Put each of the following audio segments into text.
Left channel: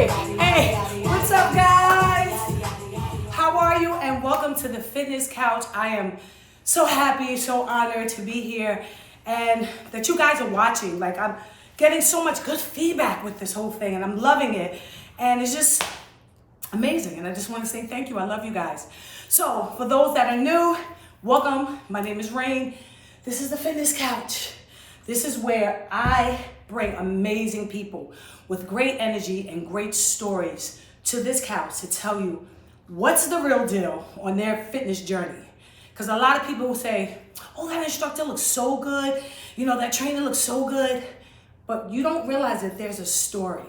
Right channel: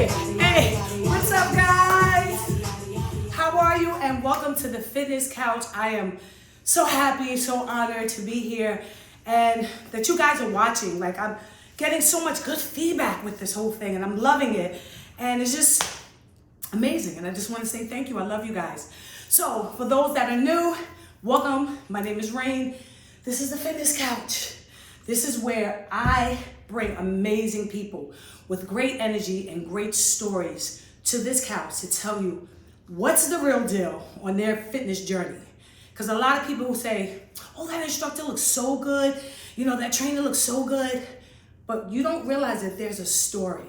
Hey, what's up, guys? How are you? And welcome to the Fitness Couch. I am so happy, so honored to be here, and that you guys are watching. Like, I'm getting so much good feedback with this whole thing, and I'm loving it, and it's just amazing. And I just want to say thank you. I love you guys. So, for those that are new, welcome. My name is Rain. This is the Fitness Couch. This is where I bring amazing people with great energy and great stories to this couch to tell you what's the real deal on their fitness journey. Because a lot of people will say, oh, that instructor looks so good. You know, that trainer looks so good. But you don't realize that there's a story.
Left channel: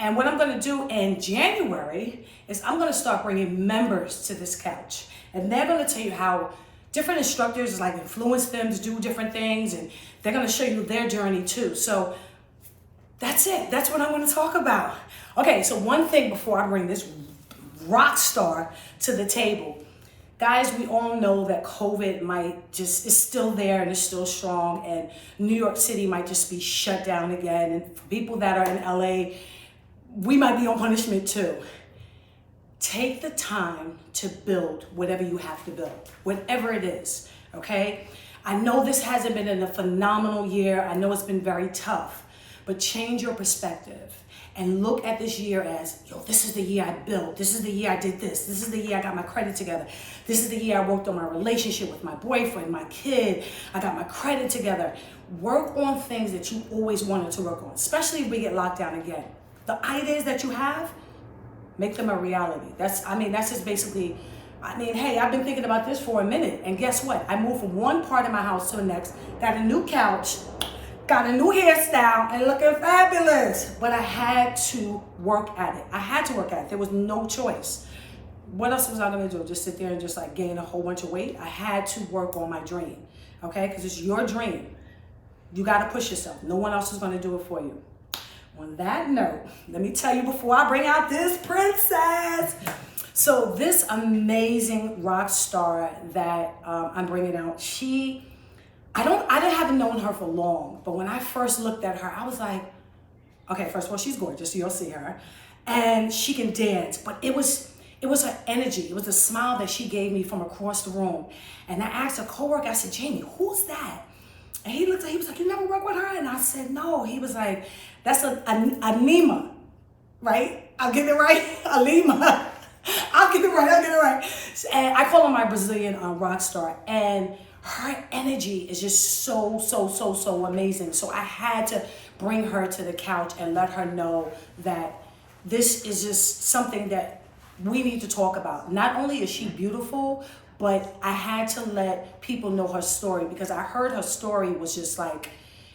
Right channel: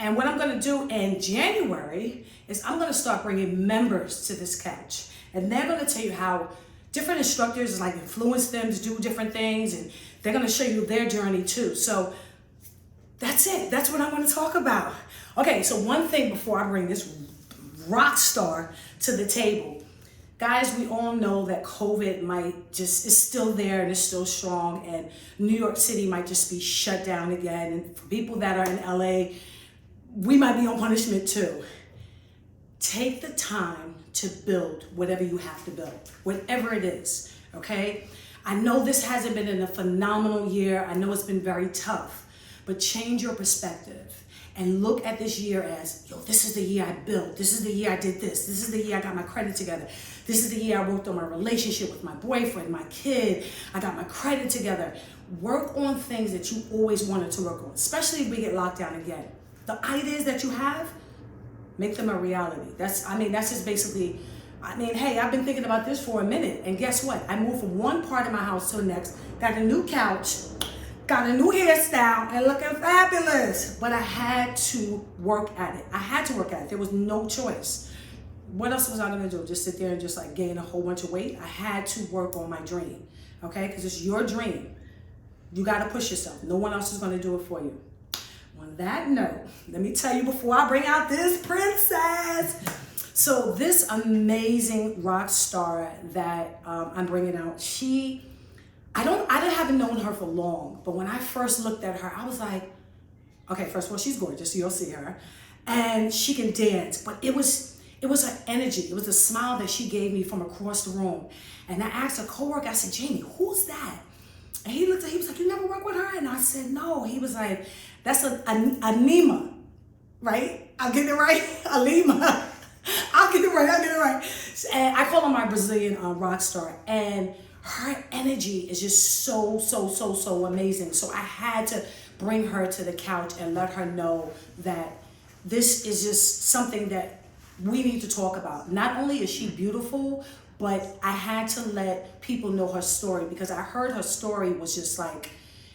And what I'm going to do in January is I'm going to start bringing members to this couch. And they're going to tell you how different instructors like influence them to do different things. And they're going to show you their journey too. So that's it. That's what I want to talk about. Okay, so one thing before I bring this rock star to the table. Guys, we all know that COVID is still there and is still strong, and New York City might just be shut down again. And for people that are in LA, we might be on punishment too. Take the time to build whatever you have to build, whatever it is, okay? I know this hasn't been a phenomenal year. I know it's been very tough. But change your perspective and look at this year as, yo, this is the year I built. This is the year I did this. This is the year I got my credit together. This is the year I worked on my relationship with my boyfriend, my kid. I got my credit together. Work on things that you always wanted to work on, especially if we get locked down again. The ideas that you have, make them a reality. That's just basically, hey, I've been thinking about this for a minute. And guess what? I moved from one part of my house to the next, got a new couch, got a new hairstyle, and looking fabulous. But I had to work at it. There was no choice. What else was I gonna do? Just sit there and just like gain a whole bunch of weight? I had to work on my dream, okay? Because it's your dream. You gotta push yourself. No one else is gonna do it for you. On that note, let me tell you before I bring out this princess. So this amazing rock star that I'm bringing out, I haven't known her for long, but when I first looked at her, I was like, okay, first of all, she's gorgeous, so you'll see her. And she can dance, but it was her energy. It was the smile that she gave me from across the room. And I asked a coworker, I said, Jamie, who's that? And he was like, you never work with her? And I said, no. He was like, that's Alinne, right? I'll get it right. Alinne. I'll get it right. And I call her my Brazilian rock star. And her energy is just so amazing. So I had to bring her to the couch and let her know that this is just something that we need to talk about. Not only is she beautiful, but I had to let people know her story, because I heard her story was just like,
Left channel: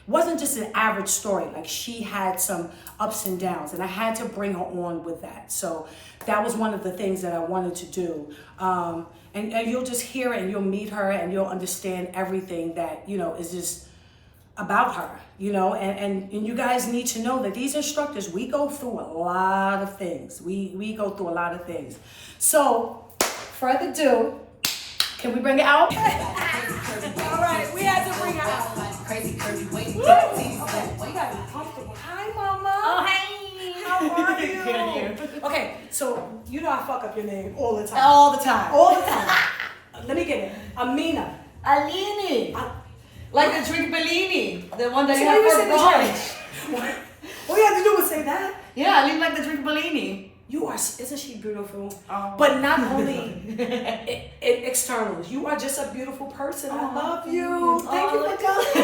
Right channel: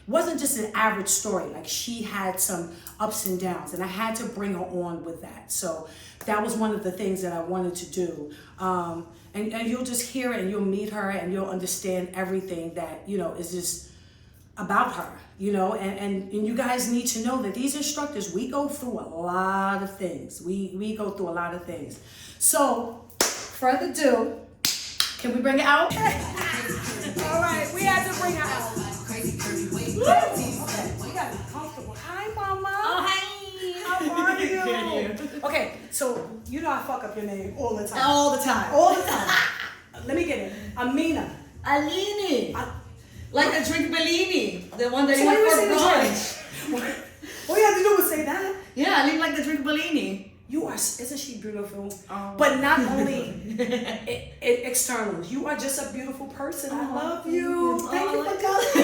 wasn't just an average story. Like, she had some ups and downs, and I had to bring her on with that. So that was one of the things that I wanted to do. And you'll just hear it, and you'll meet her, and you'll understand everything that, is just about her, and you guys need to know that these instructors, we go through a lot of things. We go through a lot of things. So, further ado, can we bring it out? All right, we had to bring her out. Okay, we gotta be comfortable. Hi, Mama. Oh, hi. How are you? Okay, so you know I fuck up your name all the time. All the time. Let me get it. Alinne. Like the drink Bellini, the one that So you why you have say for the brunch. All you have to do is say that. Yeah, Alinne like the drink Bellini. Isn't she beautiful? Oh. But not only externals. You are just a beautiful person. I love you. Thank you for coming.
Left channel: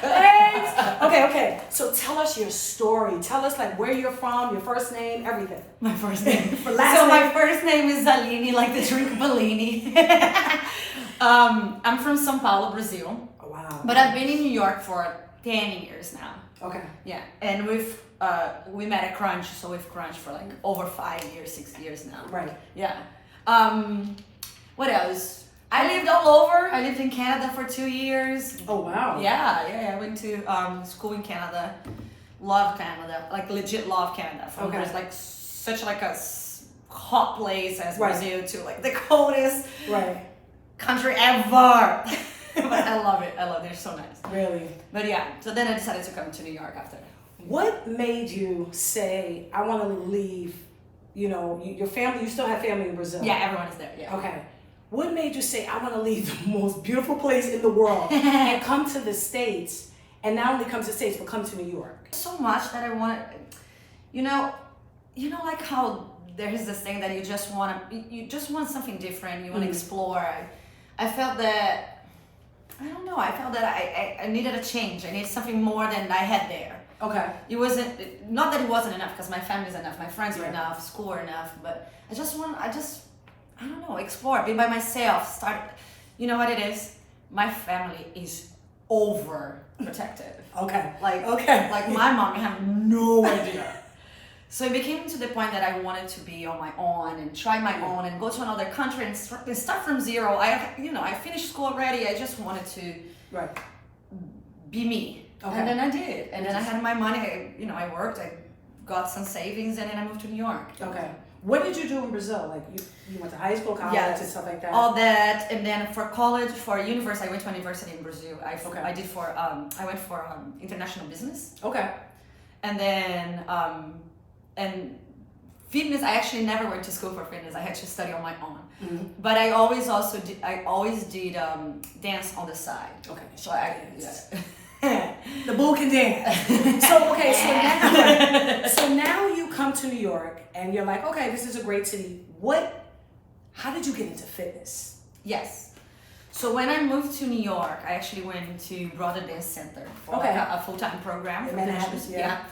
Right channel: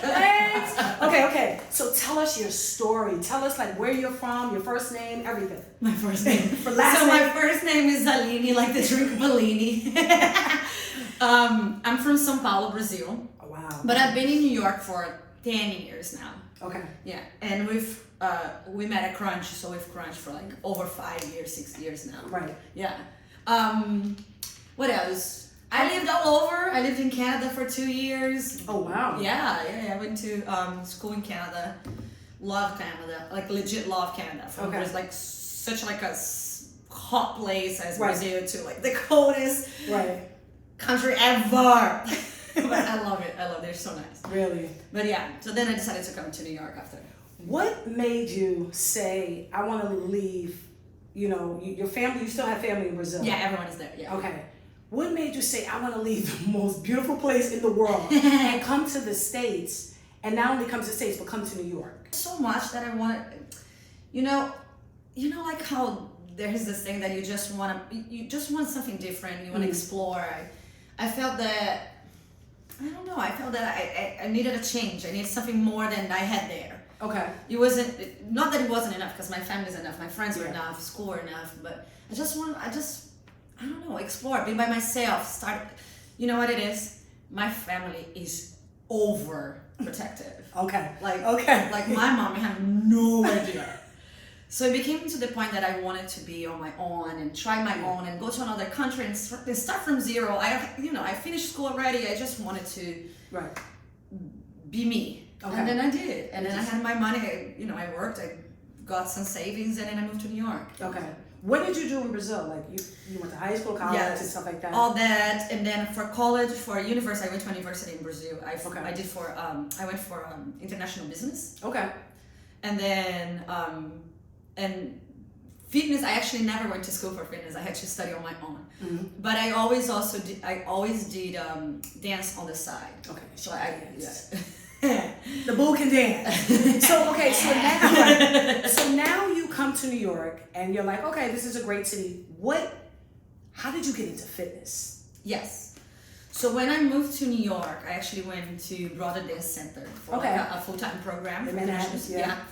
Thanks. Okay. So tell us your story. Tell us like where you're from, your first name, everything. My first name. For last name. My first name is Alinne, like the drink Bellini. I'm from São Paulo, Brazil. Oh, wow. But I've been in New York for 10 years now. Okay. Yeah, and we met at Crunch, so we've crunched for like over 5 years, 6 years now. Right. Yeah. What else? I lived all over. I lived in Canada for 2 years. Oh, wow. Yeah. I went to school in Canada. Love Canada, like legit love Canada. From Okay. there's like such like a hot place as Right. Brazil to like the coldest Right. country ever. But I love it. They're so nice. Really? But yeah, so then I decided to come to New York after. What made you say, I want to leave, you know, your family, you still have family in Brazil? Yeah, everyone is there, yeah. Okay. What made you say, I want to leave the most beautiful place in the world and come to the States, and not only come to the States, but come to New York? So much that I wanted, you know, like how there is this thing that you just want something different, you want to explore. I felt that, I don't know, I felt that I needed a change. I needed something more than I had there. Okay. It wasn't, not that it wasn't enough, because my family's enough, my friends were enough, school were enough, but I don't know, explore, be by myself, start, you know what it is? My family is overprotective. Okay. Like my mom, you have no idea. So it became to the point that I wanted to be on my own and try my own and go to another country and start from zero. I finished school already. I just wanted to be me. Okay. And then I did. And then I had my money. I worked. I got some savings, and then I moved to New York. Okay. What did you do in Brazil? Like you went to high school, college, and stuff like that? All that. And then for college, for university, I went to university in Brazil. I went for international business. Okay. And then and fitness, I actually never went to school for fitness. I had to study on my own. Mm-hmm. But I always did dance on the side. Okay. So the boo can dance. So now you come to New York and you're like, okay, this is a great city. How did you get into fitness? Yes. So when I moved to New York, I actually went to Broader Dance Center for a full-time program for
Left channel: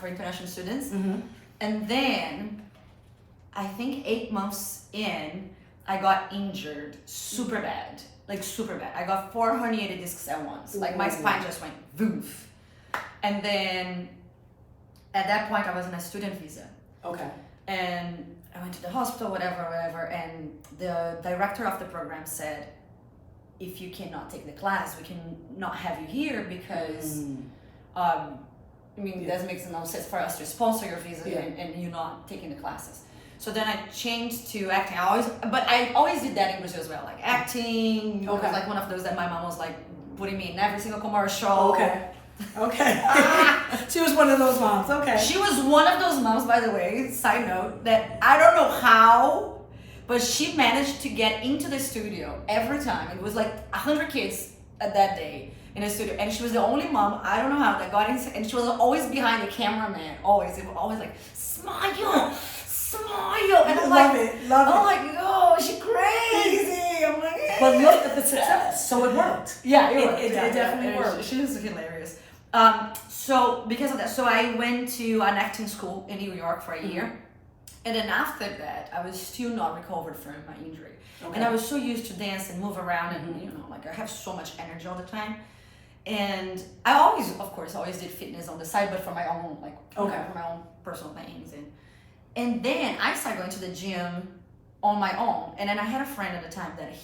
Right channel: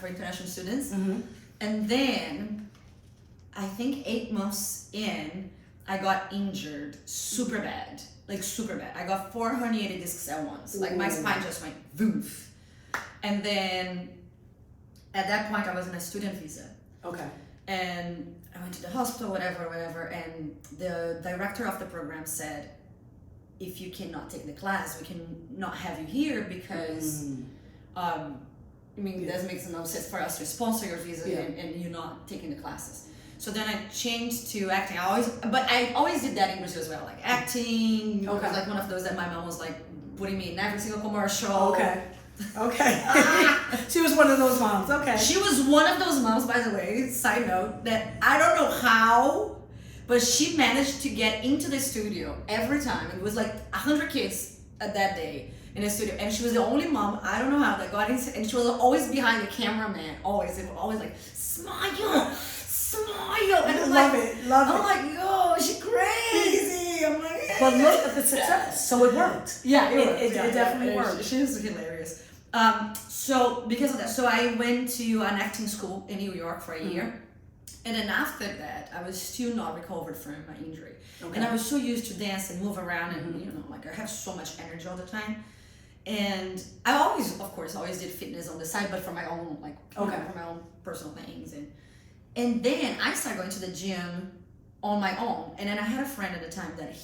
international students. Mm-hmm. And then, I think 8 months in, I got injured super bad. Like super bad. I got 4 herniated discs at once. Like my spine just went voof. And then, at that point, I was on a student visa. Okay. And I went to the hospital, whatever. And the director of the program said, if you cannot take the class, we can not have you here because it doesn't make no sense for us to sponsor your visa and you're not taking the classes. So then I changed to acting. I always did that in Brazil as well, like acting. Okay. It was like one of those that my mom was like putting me in every single commercial. Okay. She was one of those moms. Okay. She was one of those moms, by the way, side note, that I don't know how, but she managed to get into the studio every time. It was like 100 kids at that day in a studio, and she was the only mom, I don't know how, that got in, and she was always behind the cameraman, always like, smile, and I'm love it. I'm like, yo, she's crazy. I'm like, yeah. But look at the success. So it worked. Yeah, it definitely worked. She was hilarious. So because of that, so I went to an acting school in New York for a year. And then after that, I was still not recovered from my injury. Okay. And I was so used to dance and move around and, I have so much energy all the time. And I always did fitness on the side, but for my own, for my own personal things. And then I started going to the gym on my own. And then I had a friend at the time that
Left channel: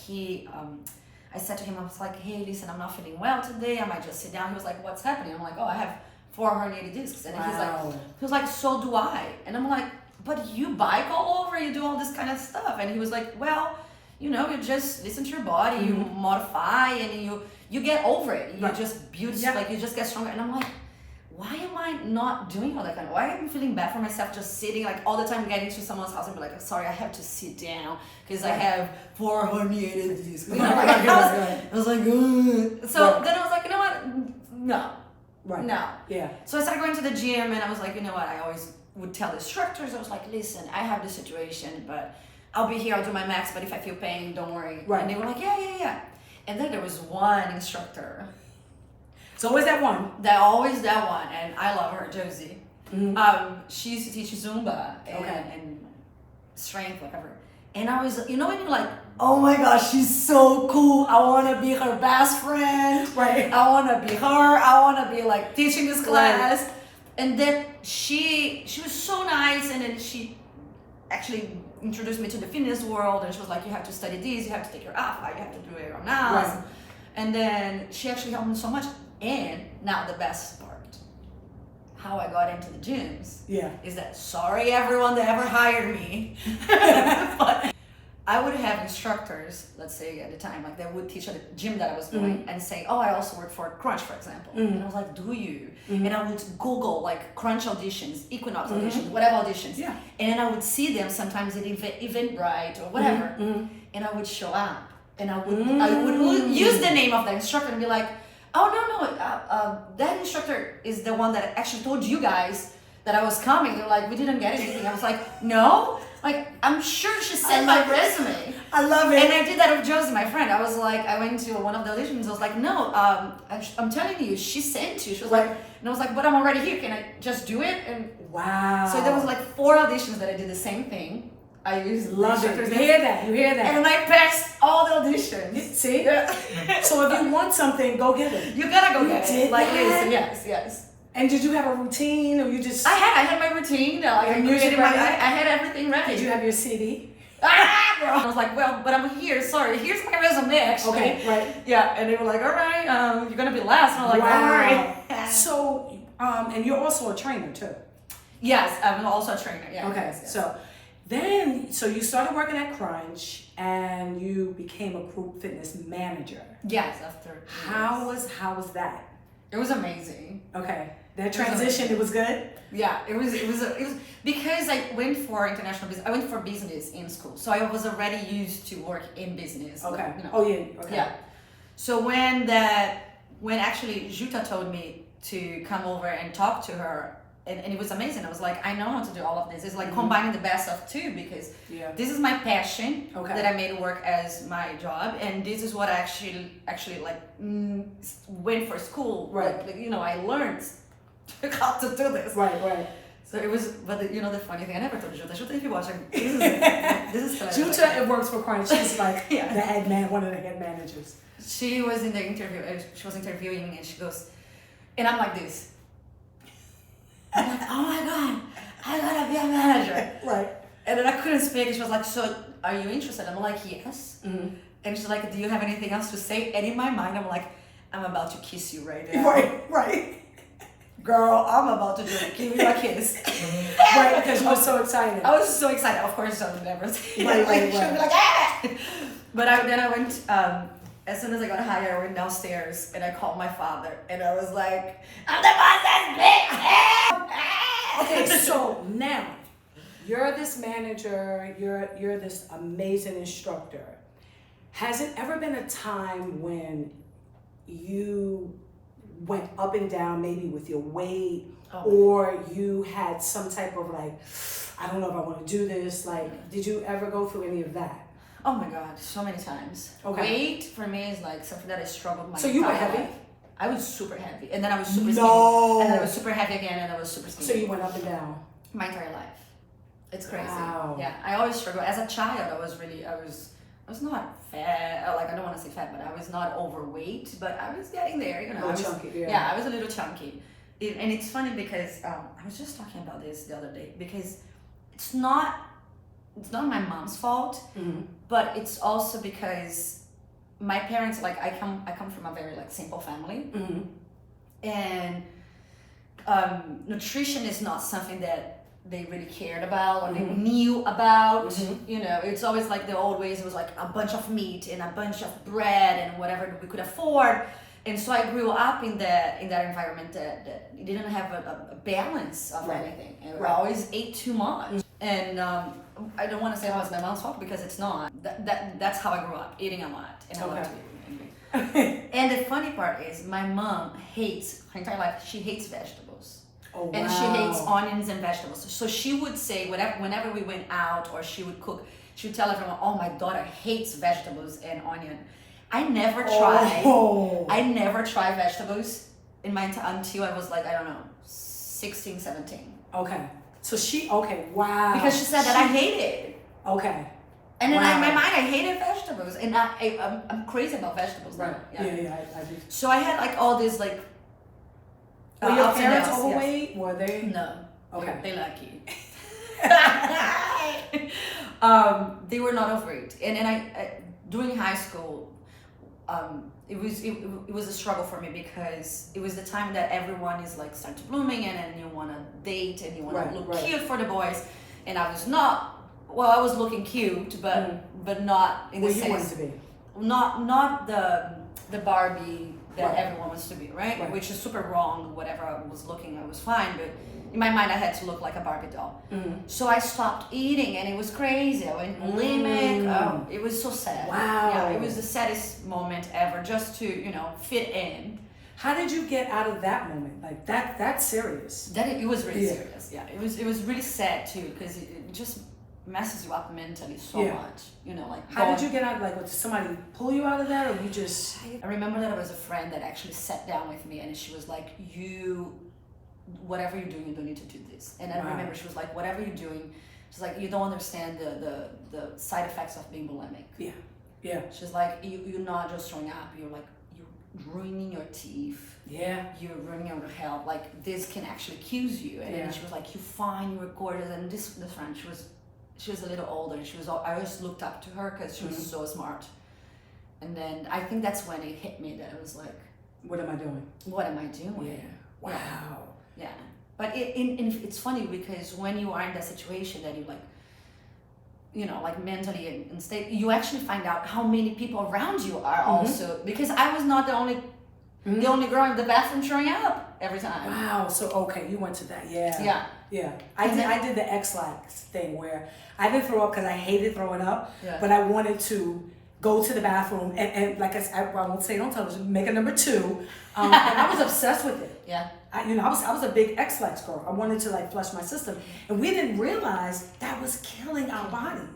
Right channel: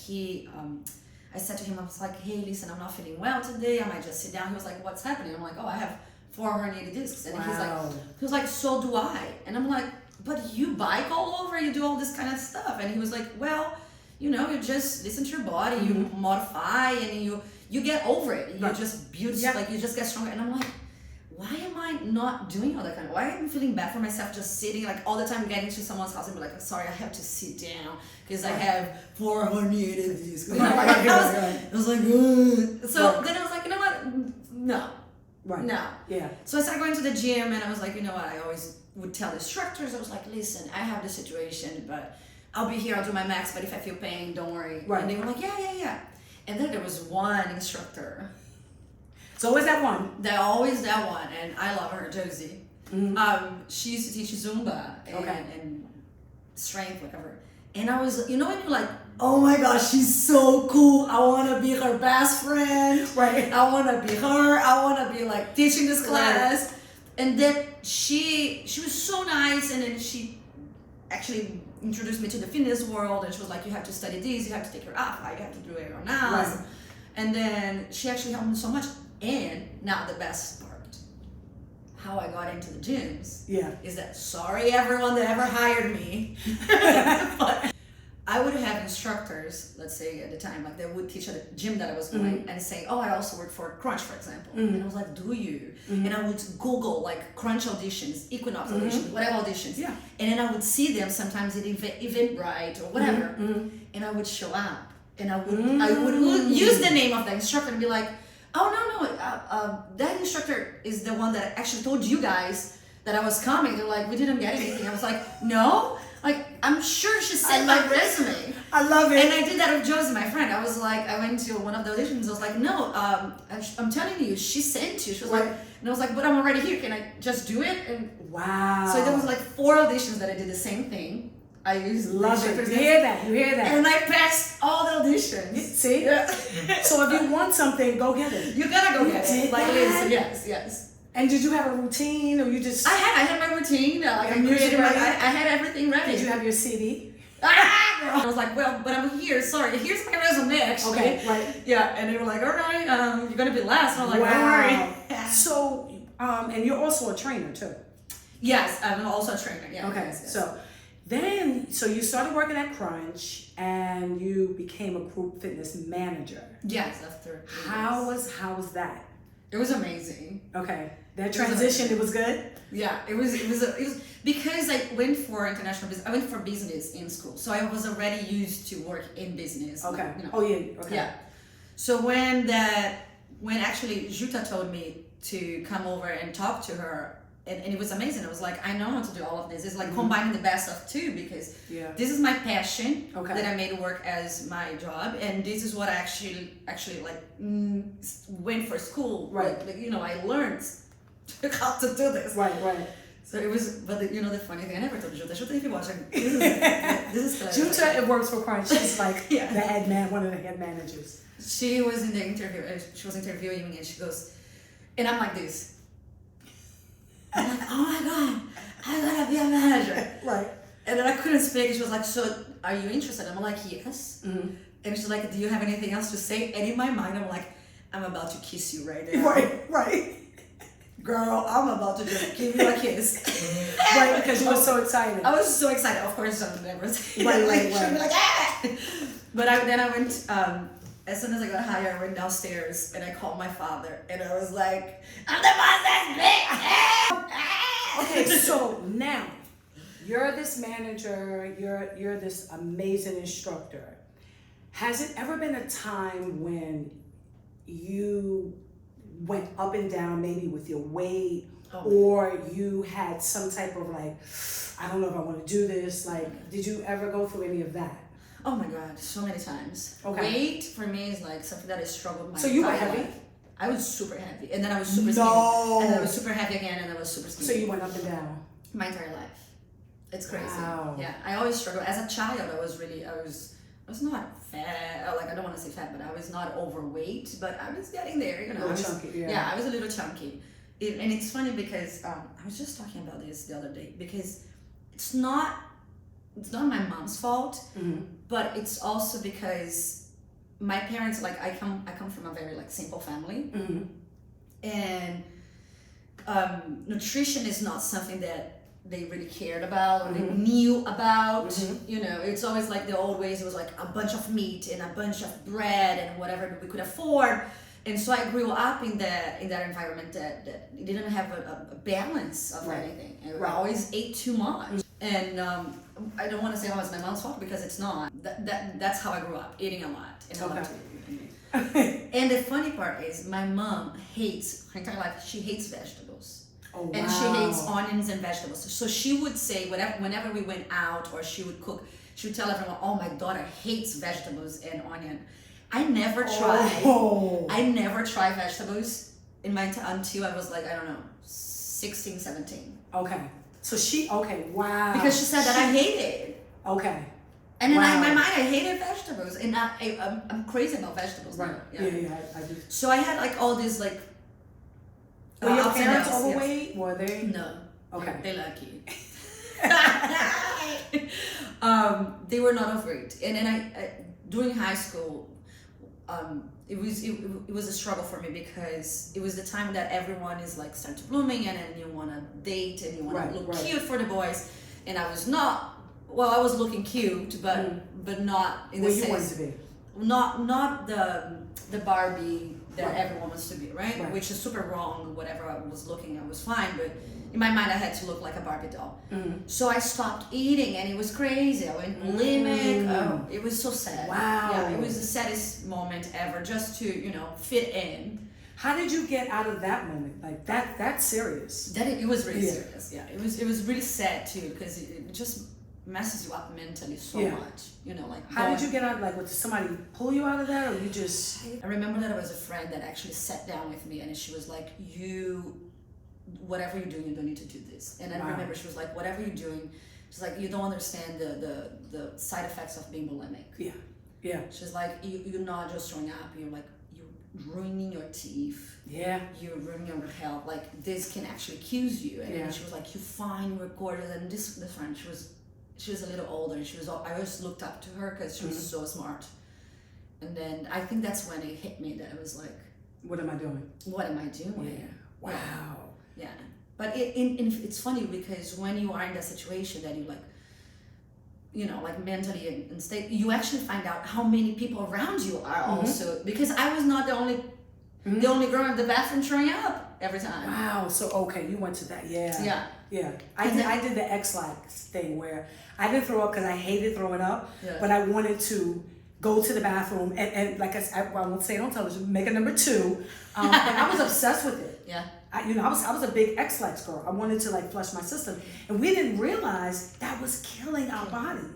I said to him, I was like, hey, listen, I'm not feeling well today. I might just sit down. He was like, what's happening? I'm like, I have 4 herniated discs. And he was like, so do I. And I'm like, but you bike all over, you do all this kind of stuff. And he was like, well, you just listen to your body, you modify, and you get over it. You just build, you just get stronger. And I'm like, why am I not doing all that kind of, why am I feeling bad for myself just sitting, all the time getting to someone's house and be like, sorry, I have to sit down because I have 4 herniated discs. I was like, ugh. So then I was like, you know what? No. Right. No. Yeah. So I started going to the gym, and I was like, you know what? I always would tell the instructors, I was like, listen, I have this situation, but I'll be here, I'll do my max, but if I feel pain, don't worry. Right. And they were like, yeah. And then there was one instructor. So always that one? Always that one, and I love her, Josie. Mm-hmm. She used to teach Zumba and strength, whatever. And I was, when you're like, oh my gosh, she's so cool. I want to be her best friend. Right. I want to be her. I want to be teaching this class. Right. And then she was so nice, and then she actually introduced me to the fitness world, and she was like, you have to study this, you have to take your alpha, you have to do your own nails. Right. And then she actually helped me so much. And now the best part, how I got into the gyms is that, sorry everyone that ever hired me, but I would have instructors, let's say at the time, like they would teach at the gym that I was going and say, oh, I also work for Crunch, for example. And I was like, do you? And I would Google like Crunch auditions, Equinox auditions, whatever auditions. Yeah. And then I would see them sometimes at Eventbrite or whatever. And I would show up and I would use the name of the instructor and be like, oh, no, that instructor is the one that actually told you guys that I was coming. They're like, we didn't get anything. I was like, no? Like, I'm sure she sent my resume. I love it. And I did that with Josie, my friend. I was like, I went to one of the auditions. I was like, no, I'm telling you, she sent you. She was like, and I was like, but I'm already here. Can I just do it? And wow. so there was like 4 auditions that I did the same thing. I used love it. You hear that? You hear that? And I passed all the auditions. See? Yeah. So if you want something, go get it. You gotta go get it. Like, that? yes. And did you have a routine, or you just? I had my routine. Like Your I music created ready? I had everything ready. Did you have your CD? I was like, well, but I'm here. Sorry, here's my resume. Actually. Okay, right. Yeah, and they were like, all right, you're gonna be last. And I'm like, Wow. all right. So, and you're also a trainer too. Yes, I'm also a trainer. Yeah. Okay, yes. So you started working at Crunch, and you became a group fitness manager. Yes, after. How was that? It was amazing. Okay, that transition, it was good. Yeah, it was because I went for international business. I went for business in school, so I was already used to work in business. Okay. Like, you know. Oh yeah. Okay. Yeah. So when actually Juta told me to come over and talk to her, and it was amazing. I was like, I know how to do all of this. It's like combining the best of two, because this is my passion Okay. that I made work as my job, and this is what I actually like went for school. Right. Like I learned how to do this. Right. So it was, but the funny thing, I never told Juta. Juta, if you're watching, this is Juta, it works for Crunch. She's like Yeah. one of the head managers. She was in the interview. She was interviewing me, and she goes, and I'm like this. I'm like, oh my god, I gotta be a manager. Right. And then I couldn't speak. She was like, so are you interested? I'm like, yes. And she's like, do you have anything else to say? And in my mind, I'm like, I'm about to kiss you right now. Right. Girl, I'm about to just give you a kiss. Right, because you were so excited. I was so excited. Of course, I would never say Right. She'd be like, ah! But then I went, as soon as I got hired, I went downstairs and I called my father and I was like, I'm the boss's bitch! Okay, so now you're this manager, you're this amazing instructor. Has it ever been a time when you went up and down, maybe with your weight, or you had some type of like, I don't know if I want to do this? Like, did you ever go through any of that? Oh my god, so many times. Okay. Weight for me is like something that I struggled with. So you were heavy? Life. I was super heavy, and then I was super skinny, and then I was super heavy again, and I was super skinny. So you went up and down? My entire life. It's crazy. Wow. Yeah, I always struggled. As a child, I was not fat. Like, I don't want to say fat, but I was not overweight. But I was getting there. A little chunky, yeah, I was a little chunky. And it's funny because I was just talking about this the other day, because it's not my mom's fault, but it's also because my parents, like, I come from a very like simple family, and nutrition is not something that they really cared about or they knew about. It's always like the old ways. It was like a bunch of meat and a bunch of bread and whatever we could afford. And so I grew up in that environment that didn't have a balance of anything. I always ate too much. And I don't want to say how it's my mom's fault, because it's not. That's how I grew up, eating a lot. And I love to eat. And the funny part is my mom hates, her entire life, she hates vegetables. Oh, wow. And she hates onions and vegetables. So she would say, whenever we went out or she would cook, she would tell everyone, oh, my daughter hates vegetables and onion. I never tried. I never tried vegetables until I was like, I don't know, 16, 17. Okay. So wow. Because she said that I hated it. Okay. And then in my mind, I hated vegetables. And I'm crazy about vegetables now. Yeah, I do. So I had like all this like... Were your ups and parents downs, overweight? yes. Were they? No. Okay. They're lucky. They were not overweight. And then I during high school, it was a struggle for me, because it was the time that everyone is like starting to blooming, and then you want to date and you want to look cute for the boys, and I was not well, I was looking cute, but not in Where the you wanted sense, to be. not the Barbie that Right. everyone wants to be, right? Right. Which is super wrong. Whatever I was looking, I was fine, but in my mind, I had to look like a Barbie doll. So I stopped eating, and it was crazy. I went bulimic. Oh, it was so sad. Wow. Yeah, it was the saddest moment ever, just to fit in. How did you get out of that moment? Like that's serious. That it was really Yeah. serious. Yeah, it was really sad too, because it just messes you up mentally so Yeah. much. Like How did you get out? Like, did somebody pull you out of that, or you just? I remember that I was a friend that actually sat down with me, and she was like, whatever you're doing, you don't need to do this. And I Wow. remember she was like, whatever you're doing, she's like, you don't understand the side effects of being bulimic. Yeah. Yeah. She's like, you're not just throwing up, you're ruining your teeth. Yeah. You're ruining your health. Like, this can actually kill you. And then she was like, you're fine, you're gorgeous. And this friend, she was a little older, and I always looked up to her because she was so smart. And then I think that's when it hit me that I was like, what am I doing? what am I doing? Yeah. Wow. Yeah. But it's funny because when you are in that situation that you like mentally and state, you actually find out how many people around you are also, because I was not the only girl in the bathroom throwing up every time. Wow. So okay, you went to that. Yeah. Yeah. Yeah. I did the X-Lax thing where I didn't throw up because I hated throwing up, but I wanted to go to the bathroom and like I won't say it on television, make a number 2. And I was obsessed with it. Yeah. I was a big X-Lax girl. I wanted to like flush my system, and we didn't realize that was killing our body.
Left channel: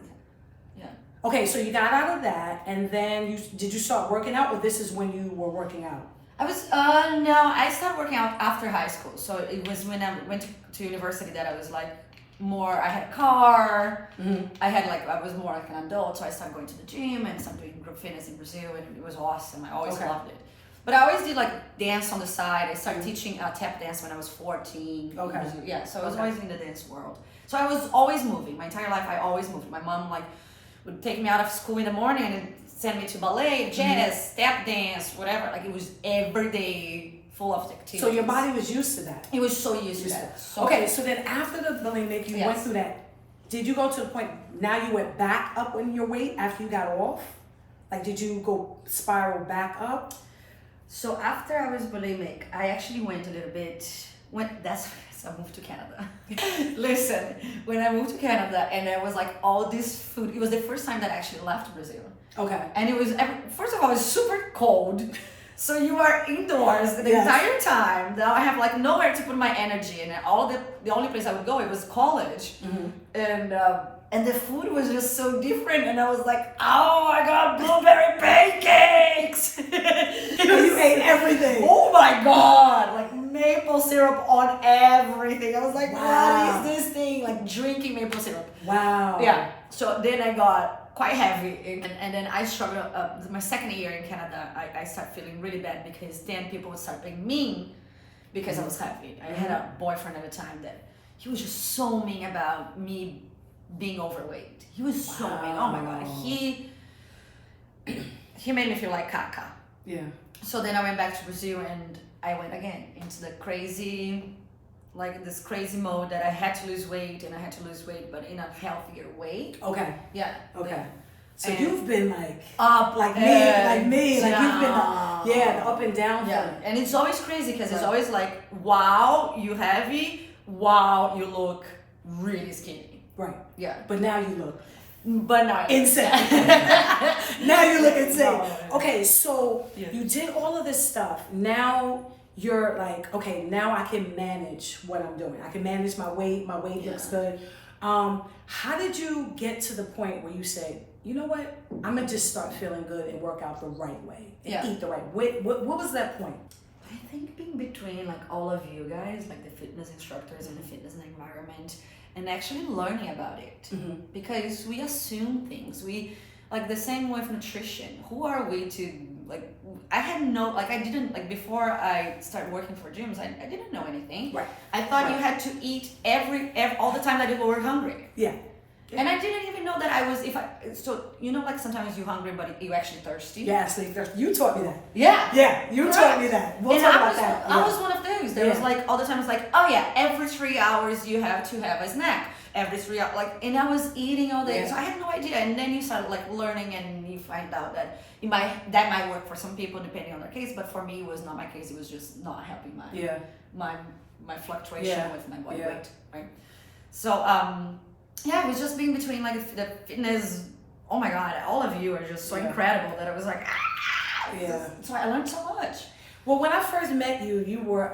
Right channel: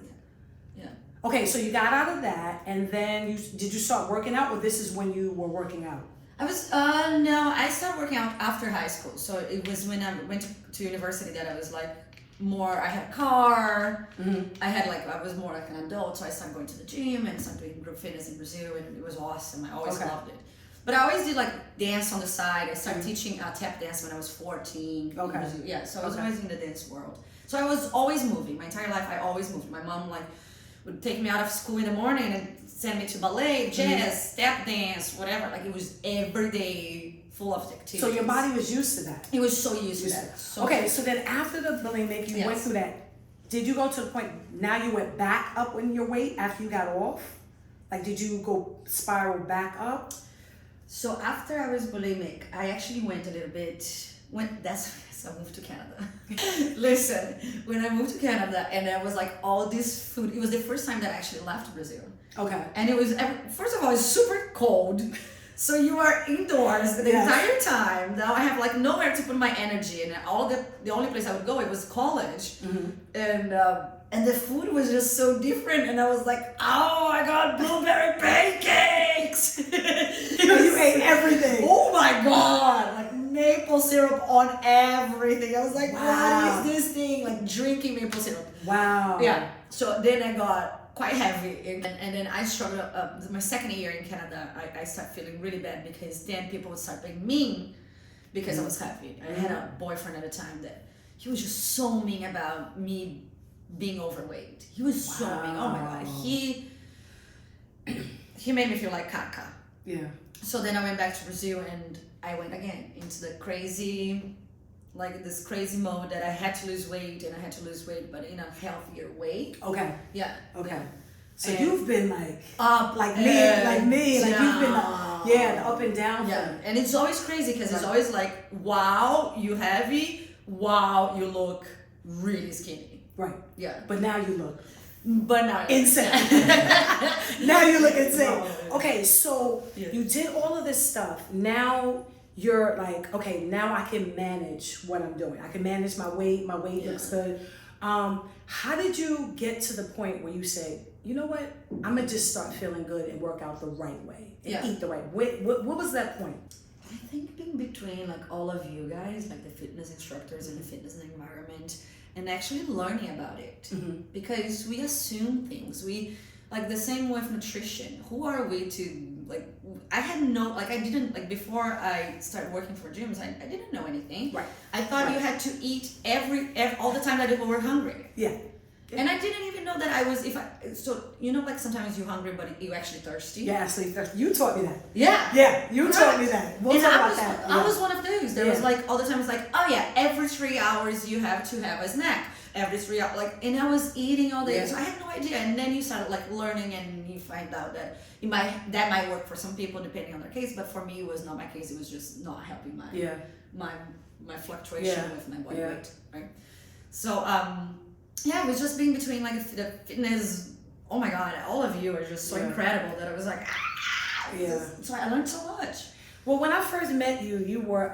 Yeah. Okay, so you got out of that, and then did you start working out, or this is when you were working out? I was no, I started working out after high school. So it was when I went to university that I was like more. I had a car. I was more like an adult, so I started going to the gym and started doing group fitness in Brazil, and it was awesome. I always loved it. But I always did like dance on the side. I started teaching tap dance when I was 14. Okay. Yeah, so I was always in the dance world. So I was always moving. My entire life, I always moved. My mom would take me out of school in the morning and send me to ballet, jazz, tap dance, whatever. Like, it was every day full of activities. So your body was used to that. It was so used to that. Okay, so then after the bulimic, you went through that. Did you go to the point now you went back up in your weight after you got off? Like, did you go spiral back up? So after I was bulimic, I actually went a little bit. So I moved to Canada. Listen, when I moved to Canada and there was like all this food, it was the first time that I actually left Brazil. Okay. And it was, first of all, it's super cold. So you are indoors the entire time. Now I have like nowhere to put my energy, and the only place I would go, it was college. And the food was just so different, and I was like, oh my god, blueberry pancakes! You ate everything. Oh my god, like maple syrup on everything. I was like, what is this thing? Like drinking maple syrup. Wow. Yeah. So then I got quite heavy, and then I struggled. My second year in Canada, I started feeling really bad because then people would start being mean because I was heavy. I had a boyfriend at the time that he was just so mean about me being overweight. He was so mean. Oh my god. He made me feel like caca. Yeah. So then I went back to Brazil, and I went again into the crazy, like this crazy mode that I had to lose weight, and I had to lose weight, but in a healthier way. Okay. Yeah. Okay. Yeah. So you've been like up, like me, like you've been the up and down. Yeah, and it's always crazy because it's always like, wow, you heavy, wow, you look really skinny. Right. Yeah. But now you look. But now insane. Now you look insane. No. Okay, so you did all of this stuff. Now you're like, okay, now I can manage what I'm doing. I can manage my weight. My weight looks good. How did you get to the point where you say, you know what? I'm gonna just start feeling good and work out the right way and eat the right way. What was that point? I think being between like all of you guys, like the fitness instructors and the fitness environment, and actually learning about it, because we assume things. We like the same with nutrition. Who are we to like? I had no like I didn't like before I started working for gyms. I didn't know anything. Right. I thought you had to eat every all the time that you were hungry. Yeah. And I didn't even know that I was like sometimes you're hungry but you're actually thirsty. Yeah, so you taught me that. Yeah. Yeah, you taught me that. We'll talk about that. I was one of those. There was like all the time it's like, oh yeah, every 3 hours you have to have a snack. every 3 hours, like, and I was eating all day, Yeah. so I had no idea. And then you start like learning, and you find out that that might work for some people depending on their case, but for me it was not my case. It was just not helping my fluctuation Yeah. with my body Yeah. weight, right? So it was just being between like the fitness. Oh my god, all of you are just so incredible that I was like, Yeah. So I learned so much. Well, when I first met you, you were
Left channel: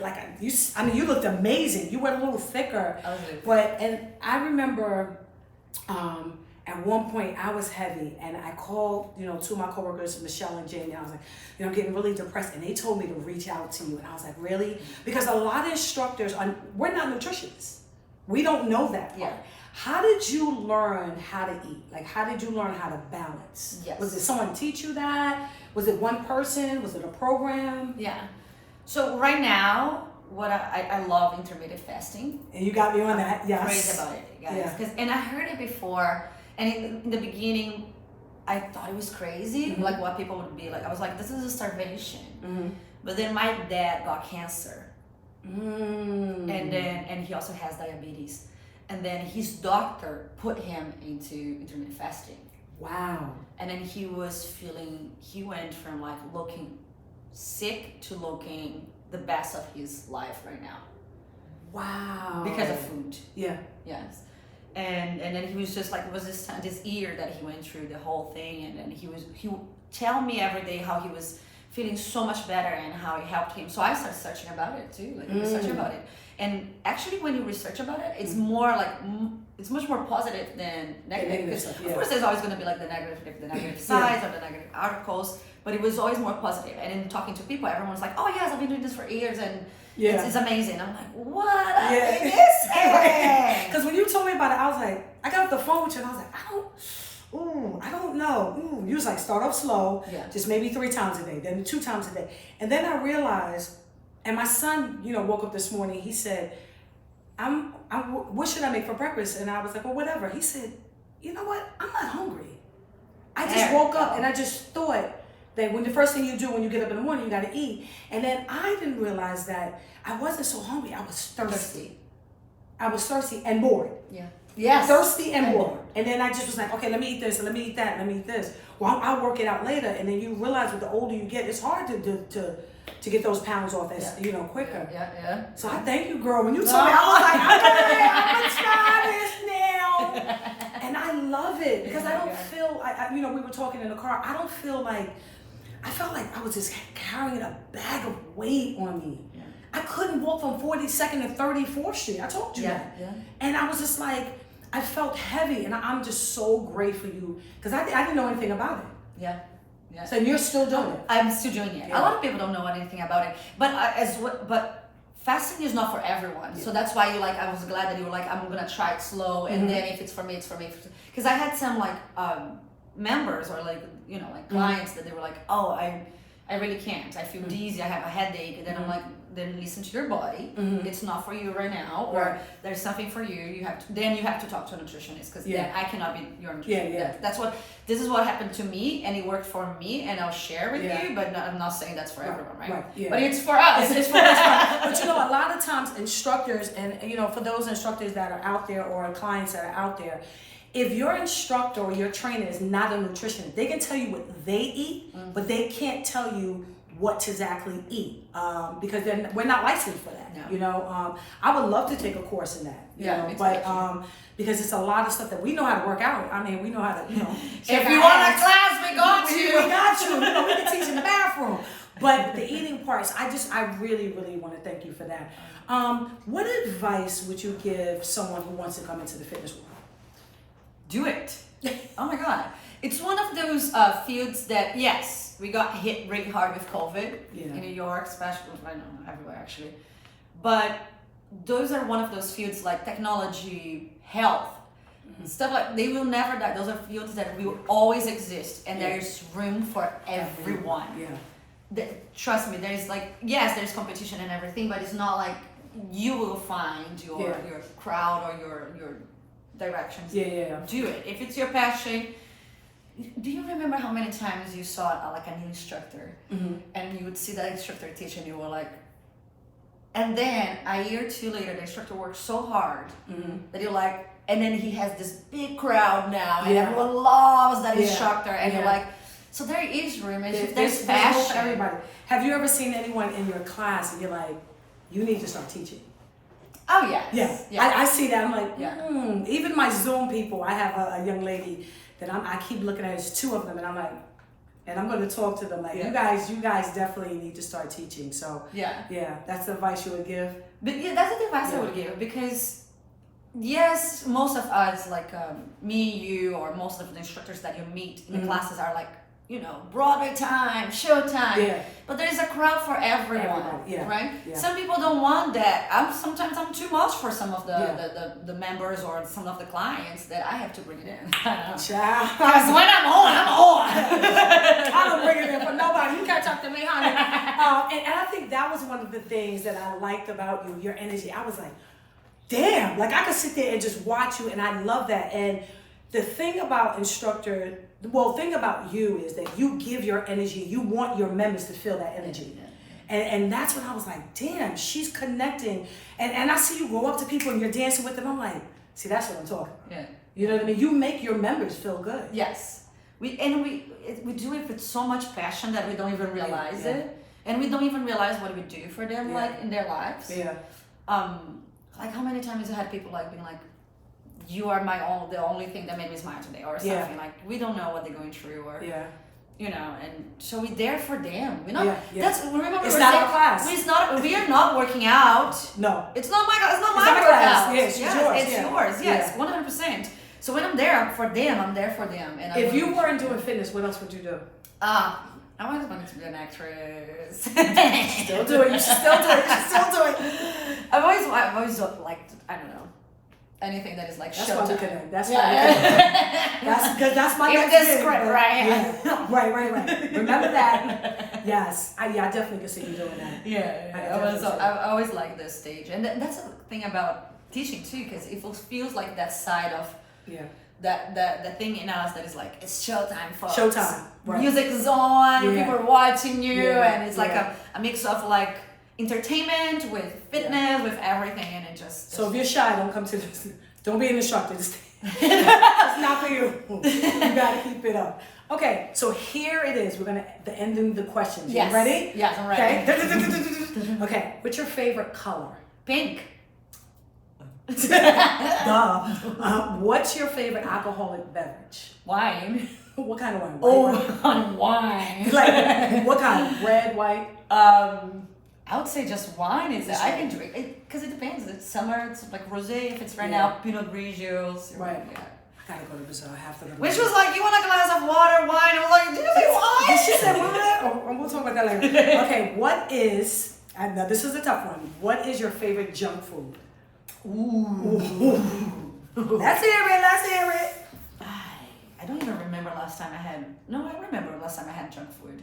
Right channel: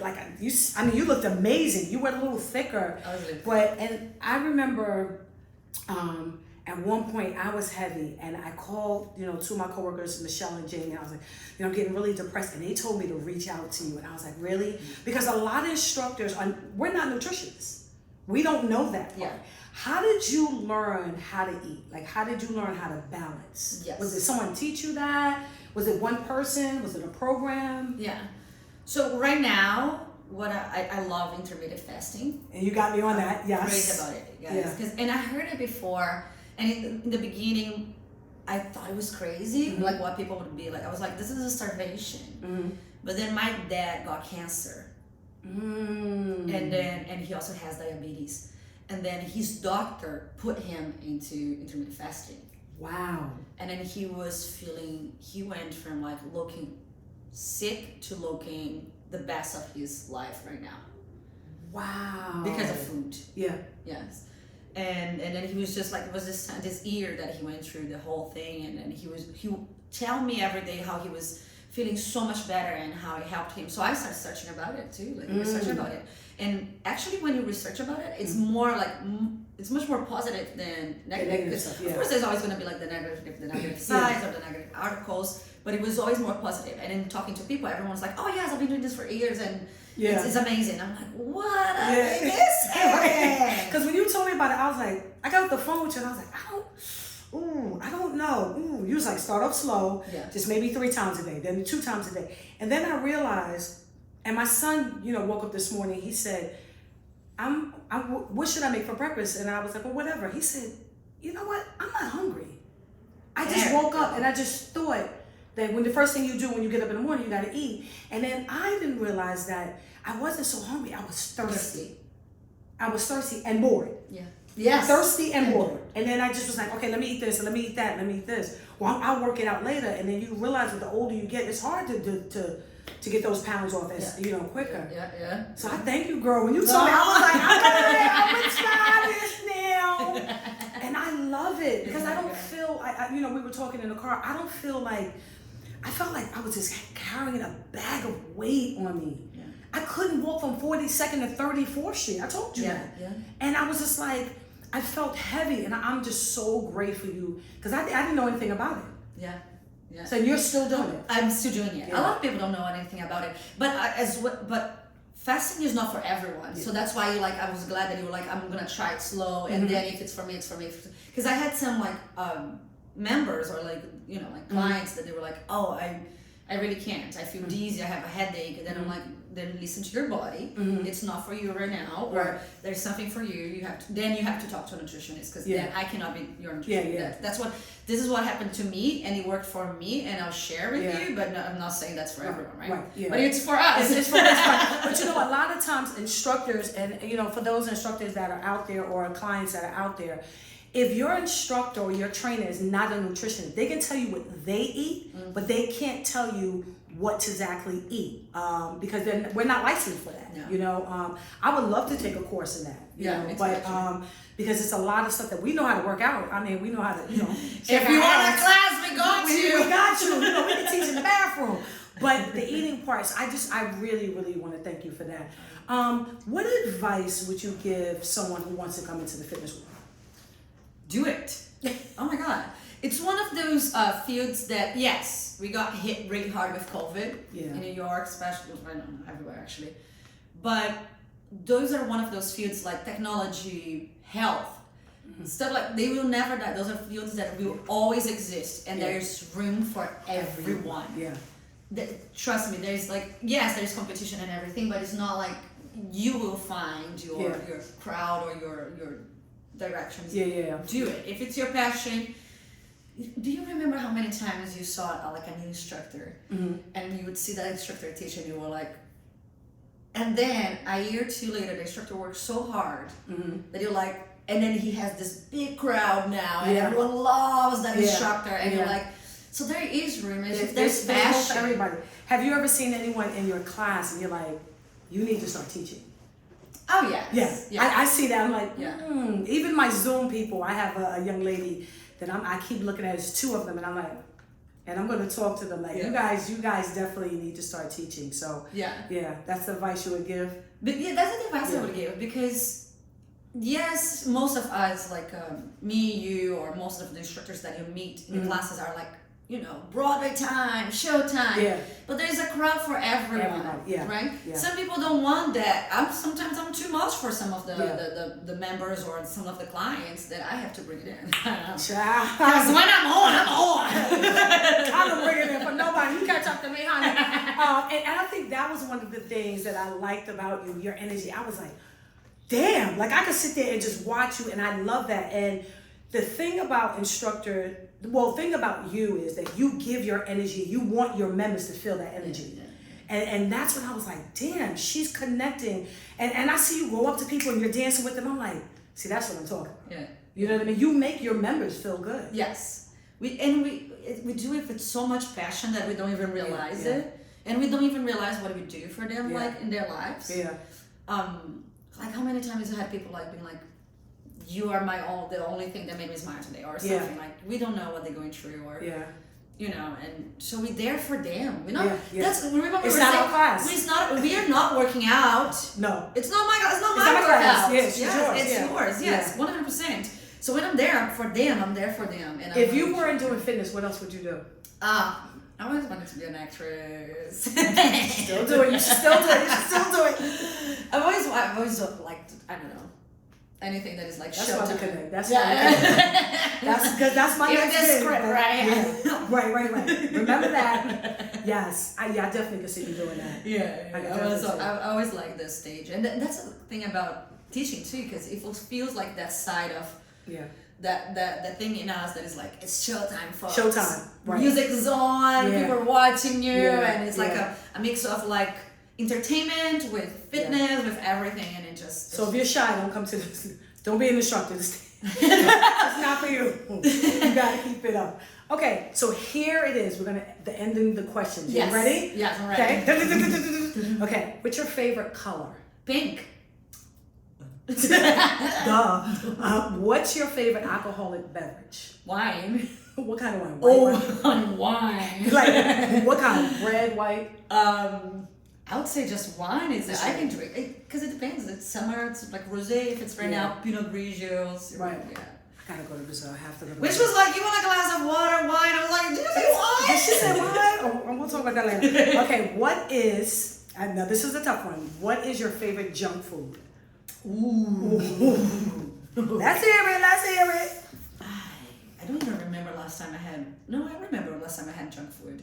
like you looked amazing. You were a little thicker, I was a little and I remember at one point I was heavy, and I called two of my coworkers, Michelle and Jamie. I was like, I'm getting really depressed, and they told me to reach out to you, and I was like, really? Because a lot of instructors we're not nutritionists. We don't know that part. Yeah. How did you learn how to eat? Like, how did you learn how to balance? Yes. Was it someone teach you that? Was it one person? Was it a program? Yeah. So right now, what I love intermittent fasting. And you got me on that, yes. Crazy about it, guys. Yeah. And I heard it before, and in the beginning, I thought it was crazy, like what people would be like. I was like, this is a starvation. But then my dad got cancer, and he also has diabetes. And then his doctor put him into intermittent fasting. Wow. And then he went from like looking sick to looking the best of his life right now. Wow. Because of food. Yeah. Yes. And then he was just like, it was this year that he went through the whole thing. And then he would tell me every day how he was feeling so much better and how it helped him. So I started searching about it too, like researching about it. And actually, when you research about it, it's more like it's much more positive than negative. Because of course, there's always going to be like the negative sides or the negative articles, but it was always more positive. And in talking to people, everyone's like, "Oh yes, I've been doing this for years, and it's amazing." I'm like, "What are you saying?" Because when you told me about it, I was like, I got off the phone with you, and I was like, I don't know. You was like, start off slow, just maybe 3 times a day, then 2 times a day, and then I realized. And my son, woke up this morning. He said, what should I make for breakfast? And I was like, well, whatever. He said, you know what? I'm not hungry. I just woke up and I just thought that when the first thing you do when you get up in the morning, you got to eat. And then I didn't realize that I wasn't so hungry. I was thirsty. I was thirsty and bored. Yeah. Yes. Thirsty and bored. And then I just was like, okay, let me eat this, and let me eat that, and let me eat this. Well, I'll work it out later. And then you realize that the older you get, it's hard to get those pounds off as quicker. Yeah. So I thank you, girl. When you told me, I was like, I'm gonna try this now, and I love it because I don't feel. We were talking in the car. I don't feel like. I felt like I was just carrying a bag of weight on me. Yeah. I couldn't walk from 42nd to 34th Street. I told you that. Yeah. And I was just like, I felt heavy, and I'm just so grateful for you because I didn't know anything about it. Yeah. Yeah. So you're still doing it. I'm still doing it. Yeah. A lot of people don't know anything about it, but fasting is not for everyone. Yeah. So that's why I was glad that you were like, I'm gonna try it slow, and then if it's for me, it's for me. Because I had some members or clients that they were like, oh, I really can't. I feel dizzy. I have a headache. And then I'm like, then listen to your body. It's not for you right now, or there's something for you. You have to talk to a nutritionist because then I cannot be your nutritionist. This is what happened to me, and it worked for me, and I'll share with you. But I'm not saying that's for everyone, right? Yeah. But it's for us. It's for us. But a lot of times instructors, and for those instructors that are out there or clients that are out there. If your instructor or your trainer is not a nutritionist, they can tell you what they eat, but they can't tell you what to exactly eat because we're not licensed for that. No. I would love to take a course in that. But because it's a lot of stuff that we know how to work out. I mean, we know how to, if you want a class, we got you. We got you. We can teach in the bathroom. But the eating parts, I really, really want to thank you for that. What advice would you give someone who wants to come into the fitness world? Do it. Oh my God. It's one of those fields that, yes, we got hit really hard with COVID in New York, especially, I don't know, everywhere actually. But those are one of those fields like technology, health, stuff like, they will never die. Those are fields that will always exist, and there's room for everyone. Trust me, there's there's competition and everything, but it's not like you will find your crowd or your directions. Do it. If it's your passion. Do you remember how many times you saw an instructor and you would see that instructor teach and you were like, And then a year or two later, the instructor works so hard that you're like, and then he has this big crowd now, and everyone loves that instructor, and you're like, so there is room, and there's passion for everybody. Have you ever seen anyone in your class and you're like, you need to start teaching? Oh yes. Yeah. I see that. I'm like, Even my Zoom people, I have a young lady that I keep looking at. There's two of them, and I'm like, and I'm going to talk to them like, you guys definitely need to start teaching. So yeah, that's the advice you would give. But yeah, that's the advice I would give, because yes, most of us, like me, you, or most of the instructors that you meet in the classes are like, you know, Broadway time, show time. Yeah. But there's a crowd for everyone, right? Yeah. Some people don't want that. Sometimes I'm too much for some of the members or some of the clients that I have to bring it in. Because when I'm on. I don't bring it in for nobody. You catch up to me, honey. And I think that was one of the things that I liked about you, your energy. I was like, damn, like I could sit there and just watch you, and I love that. And the thing about thing about you is that you give your energy. You want your members to feel that energy. And that's when I was like, damn, she's connecting. And I see you go up to people and you're dancing with them. I'm like, see, that's what I'm talking about. Yeah. You know what I mean? You make your members feel good. Yes. We do it with so much passion that we don't even realize it. And we don't even realize what we do for them, like in their lives. Yeah. Like how many times I had people like being like, you are the only thing that made me smile today, or something like, we don't know what they're going through, or you know, and so we're there for them. We're not. That's remember. It's not our class. We are not working out. No. It's not my class. It's not my workout. Yes, it's yours. It's yours. Yes, 100%. So when I'm there for them, I'm there for them. And if you weren't doing fitness, what else would you do? I always wanted to be an actress. Still do it. You should still do it. You should still do it. I've always liked, I don't know, anything that is like that's showtime. Why we connect. That's why we connect. That's because that's my next script, right? Yeah. right. Remember that. Yes. I definitely could see you doing that. I always like this stage, and that's the thing about teaching too, because it feels like that side of that thing in us that is like, it's showtime, folks. Showtime. Right. Music is on. People are watching you, and it's like a mix of like entertainment with fitness with everything, and it just. So if you're shy, don't come to this. Don't be an instructor. It's not for you. You gotta keep it up. Okay, so here it is. We're gonna end in the questions. Yes. You ready? Yes, I'm ready. Okay. Okay. What's your favorite color? Pink. Duh. What's your favorite alcoholic beverage? Wine. What kind of wine? Wine. Like what kind? Red, white? I would say just wine is. I can drink because it depends. It's summer. It's like rosé. If it's right now, Pinot Grigios. Right. Yeah. I gotta go to Brazil. I have to go to Which Brazil. was like, you want a glass of water, wine? I was like, did you say wine? Did she say wine? Or we'll talk about that later. Okay. What is? Now this is a tough one. What is your favorite junk food? Ooh. Let's hear it. I don't even remember last time I had. No, I remember last time I had junk food.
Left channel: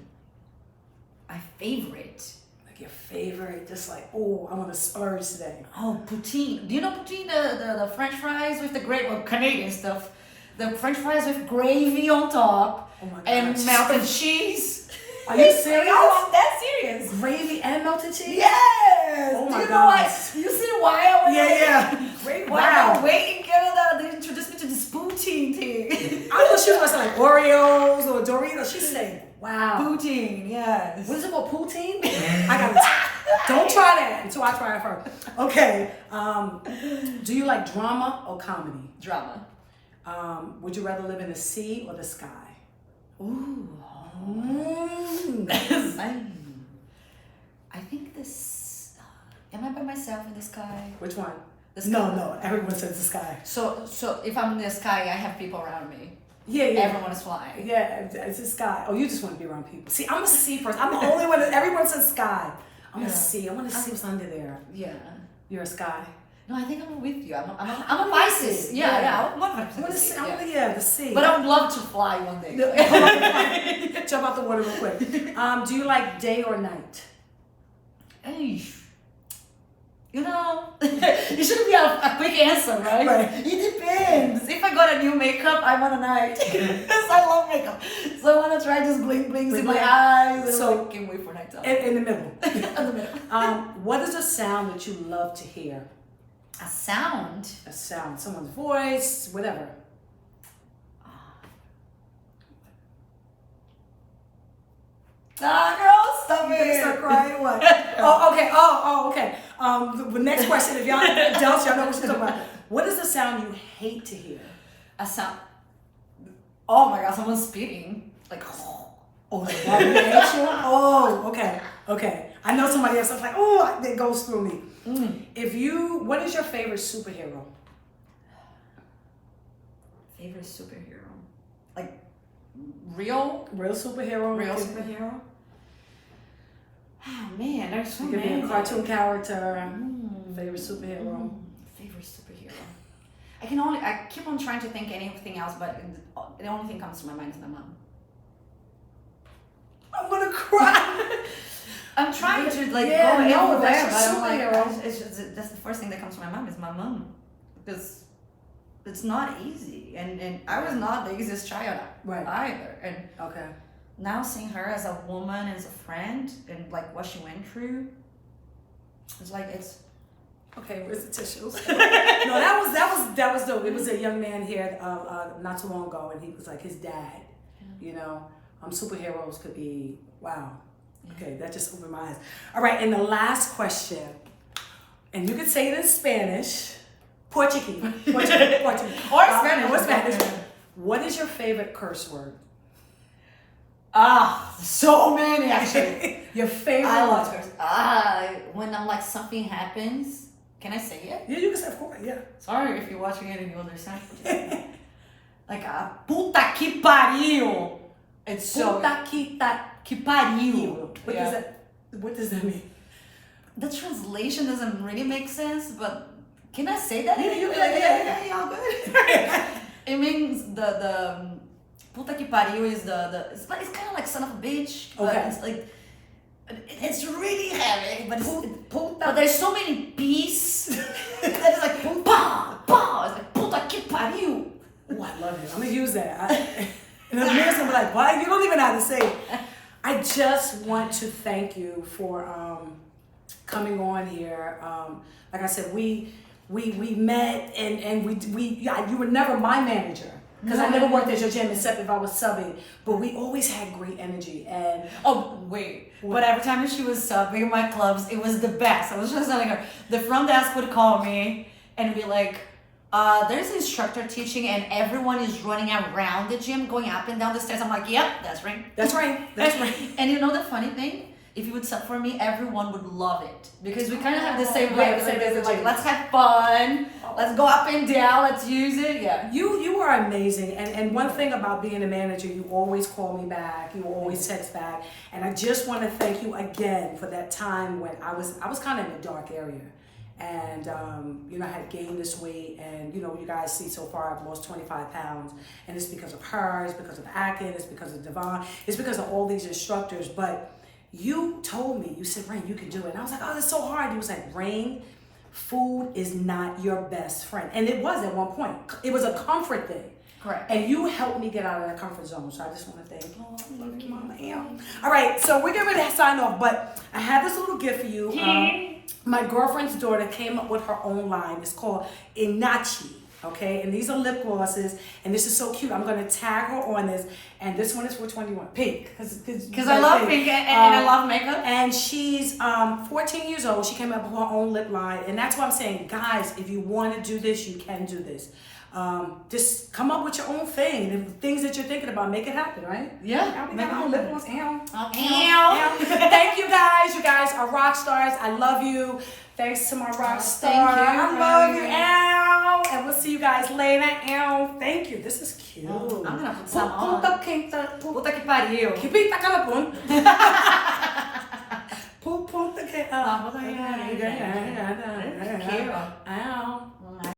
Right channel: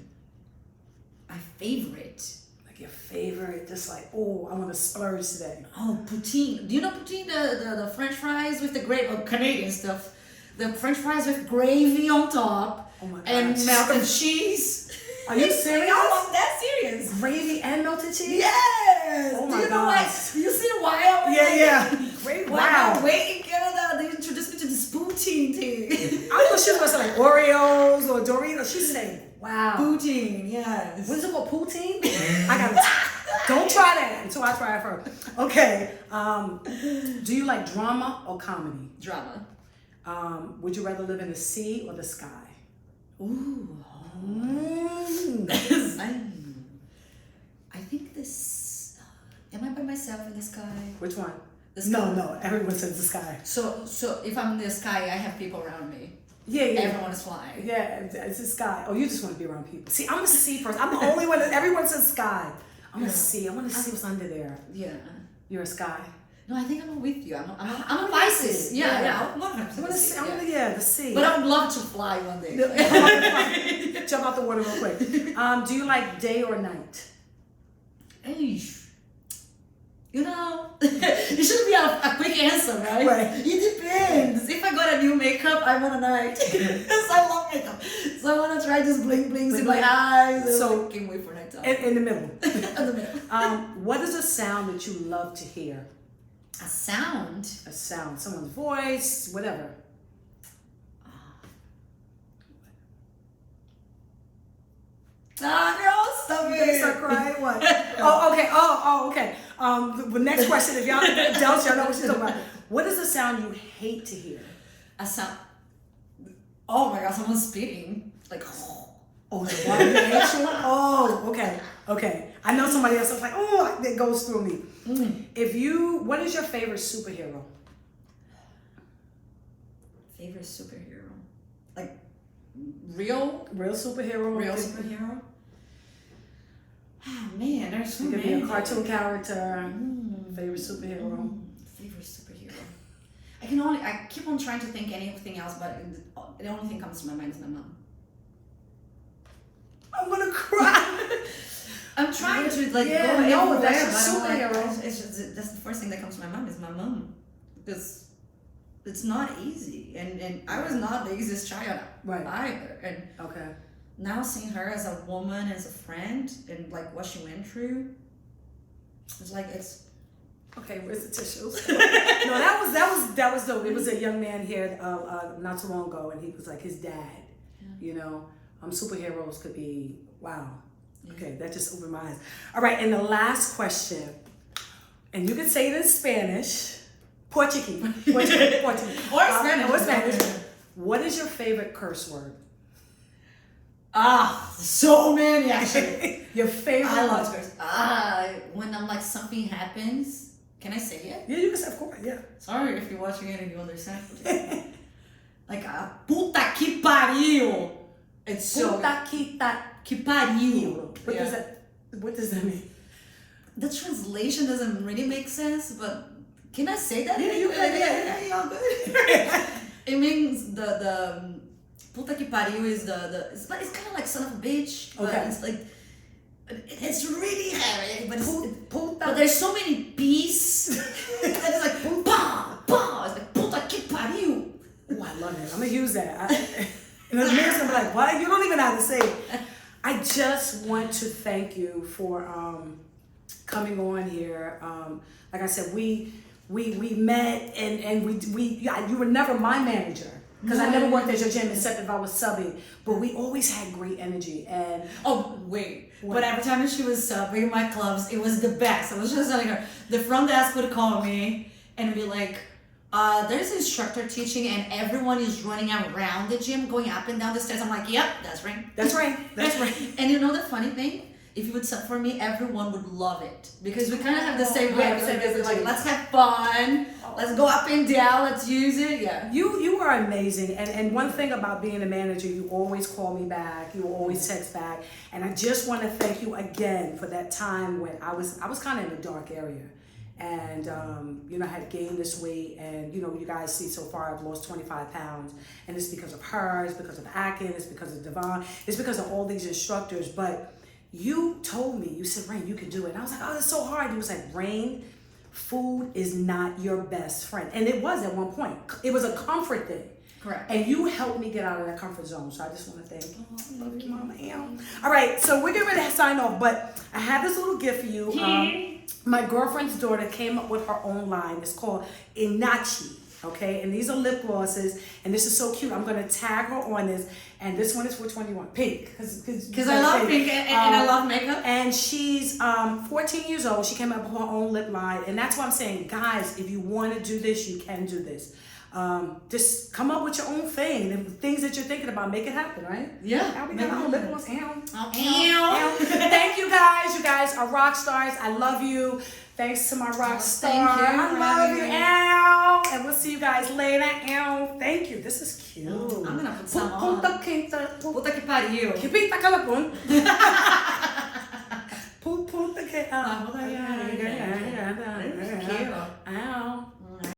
My favorite. Like your favorite, just like, oh, I want to splurge today. Oh, poutine. Do you know poutine? The French fries with the gravy, Canadian stuff. The French fries with gravy on top. Oh my God. And melted cheese. Are you serious? I'm that serious. Gravy and melted cheese? Yes. Oh my Do you know God. why? You see why I was Gravy. When I was waiting in Canada, they introduced me to this poutine thing. I thought she was going to say like Oreos or Doritos. She's saying, wow. Poutine, yes. What is it called? Poutine? I got to don't try that until I try it first. Okay. Do you like drama or comedy? Drama. Would you rather live in the sea or the sky? Ooh. I think this. Am I by myself in the sky? Which one? The sky. No. Everyone says the sky. So if I'm in the sky, I have people around me. Yeah. Everyone is flying. Yeah, it's the sky. Oh, you just want to be around people. See, I'm a sea person. I'm the only one that everyone says sky. I'm a sea. I want to see what's under there. Yeah. You're a sky. No, I think I'm with you. I'm a Pisces. Yeah. I want to see. The sea. But I would love to fly one day. Jump out the water real quick. Do you like day or night? You know, it shouldn't be a quick answer, right? Right. It depends. depends. If I got a new makeup, I want a night. Because I love makeup. So I want to try this bling blings in my eyes. So I can't wait for nighttime. In the middle. In the middle. What is a sound that you love to hear? A sound? A sound. Someone's voice, whatever. Girl, stop You're gonna it. start crying? What? Oh, okay. Okay. The next question, if y'all adults, y'all know what she's talking about. What is the sound you hate to hear? A sound. Oh my god, someone's spitting. Like, Oh, the water reaction? Oh, okay. I know somebody else is like, oh, that goes through me. What is your favorite superhero? Favorite superhero? Like, real superhero? Real superhero? Oh man, there's so It could many. be a cartoon character. Favorite superhero. Favorite superhero. I keep on trying to think anything else, but the only thing comes to my mind is my mom. I'm gonna cry. I'm trying to like Yeah, go no, everywhere, that's a but I'm superhero. like, it's just, that's the first thing that comes to my mind is my mom, because it's not easy, and I was not the easiest child either, and Okay. now seeing her as a woman, as a friend, and like what she went through, it's like it's. Okay, where's the tissues? No, that was dope. It was a young man here not too long ago, and he was like his dad. You know, superheroes could be wow. Okay, that just opened my eyes. All right, and the last question, and you can say it in Spanish, Portuguese, or Spanish. What is your favorite curse word? So many actually. Your favorite? I love curse. When I'm like something happens. Can I say it? Yeah, you can say, of course, yeah. Sorry if you're watching it and you understand. Like, puta que pariu. It's so... Puta que pariu. What does that mean? The translation doesn't really make sense, but can I say that? Yeah, all good. It means the puta que pariu is it's kind of like son of a bitch. But it's like... It's really heavy, but there's so many P's that it's like pa. It's like puta que pariu. Oh, I love it. I'm gonna use that. And the man's gonna be like, "What? You don't even know how to say it." I just want to thank you for coming on here. Like I said, we met and you were never my manager. Because I never worked at your gym except if I was subbing, but we always had great energy. And but every time she was subbing in my clubs, it was the best. I was just telling her, the front desk would call me and be like, there's an instructor teaching and everyone is running around the gym, going up and down the stairs. I'm like, yep, that's right. That's right. And you know the funny thing? If you would sub for me, everyone would love it. Because we kind of have the same vibe. Like, let's have fun. Let's go up and down. Let's use it. Yeah. You are amazing. And one thing about being a manager, you always call me back. You always text back. And I just want to thank you again for that time when I was kind of in a dark area. And, I had gained this weight. And, you guys see so far I've lost 25 pounds. And it's because of her. It's because of Akin. It's because of Devon. It's because of all these instructors. But you told me, you said, Rain, you can do it. And I was like, oh, that's so hard. You was like, Rain, food is not your best friend. And it was at one point. It was a comfort thing. Correct. And you helped me get out of that comfort zone. So I just want to thank you. I love you, Mama. All right, so we're getting ready to sign off. But I have this little gift for you. My girlfriend's daughter came up with her own line. It's called Inachi. Okay, and these are lip glosses, and this is so cute. I'm gonna tag her on this, and this one is for 21, pink, because I love pink and I love makeup. And she's 14 years old. She came up with her own lip line, and that's why I'm saying, guys, if you want to do this, you can do this. Just come up with your own thing, the things that you're thinking about, make it happen, right? Yeah. We got our own lip gloss. Thank you guys. You guys are rock stars. I love you. Thanks to my rock star. Thank you. I love you. Ow. And we'll see you guys later. Ow. Thank you. This is cute. I'm gonna put some on. Puta que pariu. Que pinta calapun. Puta que.